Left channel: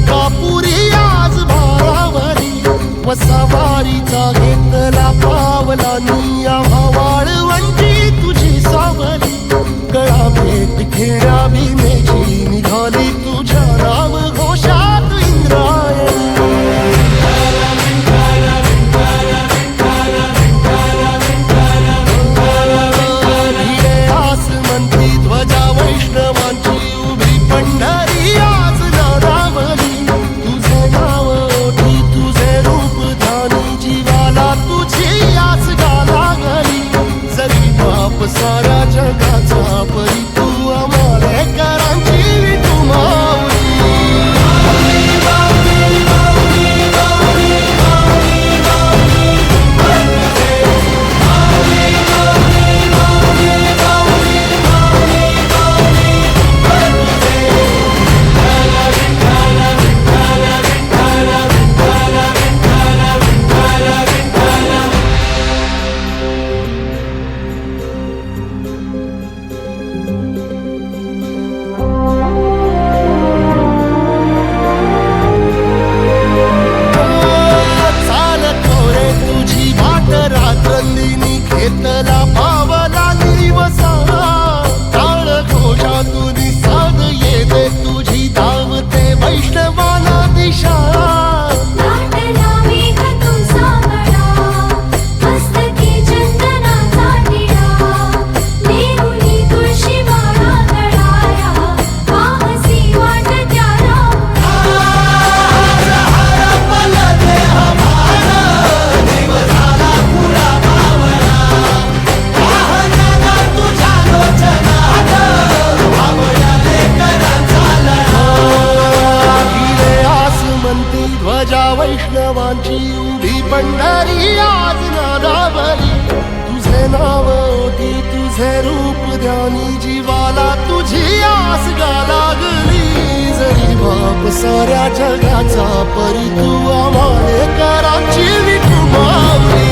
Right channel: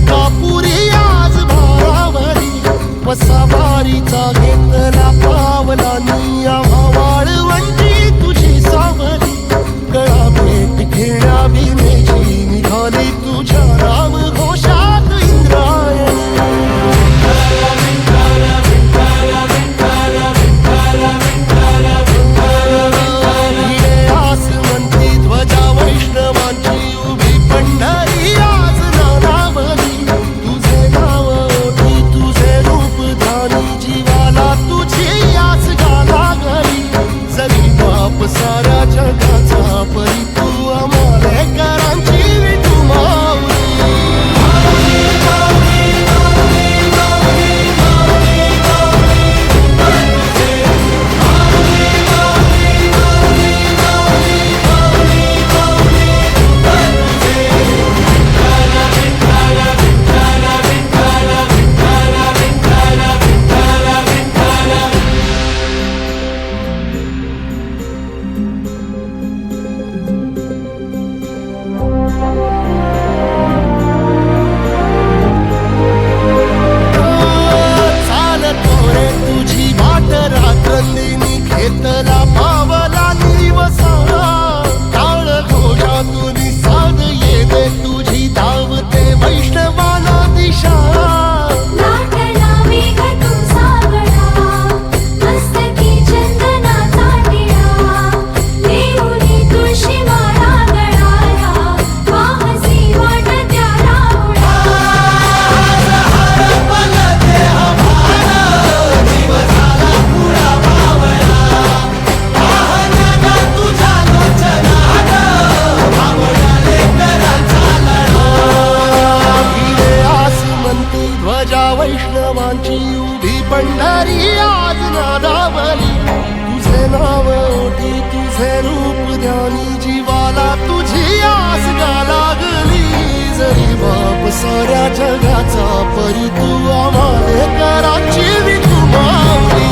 अंकापुरी आज भारावरी वसावारीचा घेतला पावला निया वाळवंटी तुझी सावली गळा भेट घेण्या भीमेची निघाली तुझ्या नाम घोषात इंद्रायणी भिडे आसमंती ध्वजा वैष्णवांची उभी पंढरी आज नादावली तुझे नाव ओठी तुझे रूप ध्यानी जीवाला तुझी आस गाला गली जरी बाप साऱ्या जगाचा परी तू आमालेकरांची विठू माऊली रात्रंदिनी घेतला पावला निवसा टाळ घोषातून साध येते तुझी धावते वैष्णवाना दिशा ध्वजा वैष्णवांची उभी पंढरी आज नादावली तुझे नाव ओठी तुझे रूप ध्यानी जीवाला तुझी आस गा लागली जरी बाप साऱ्या जगाचा परी तू आमालेकरांची विठू माऊली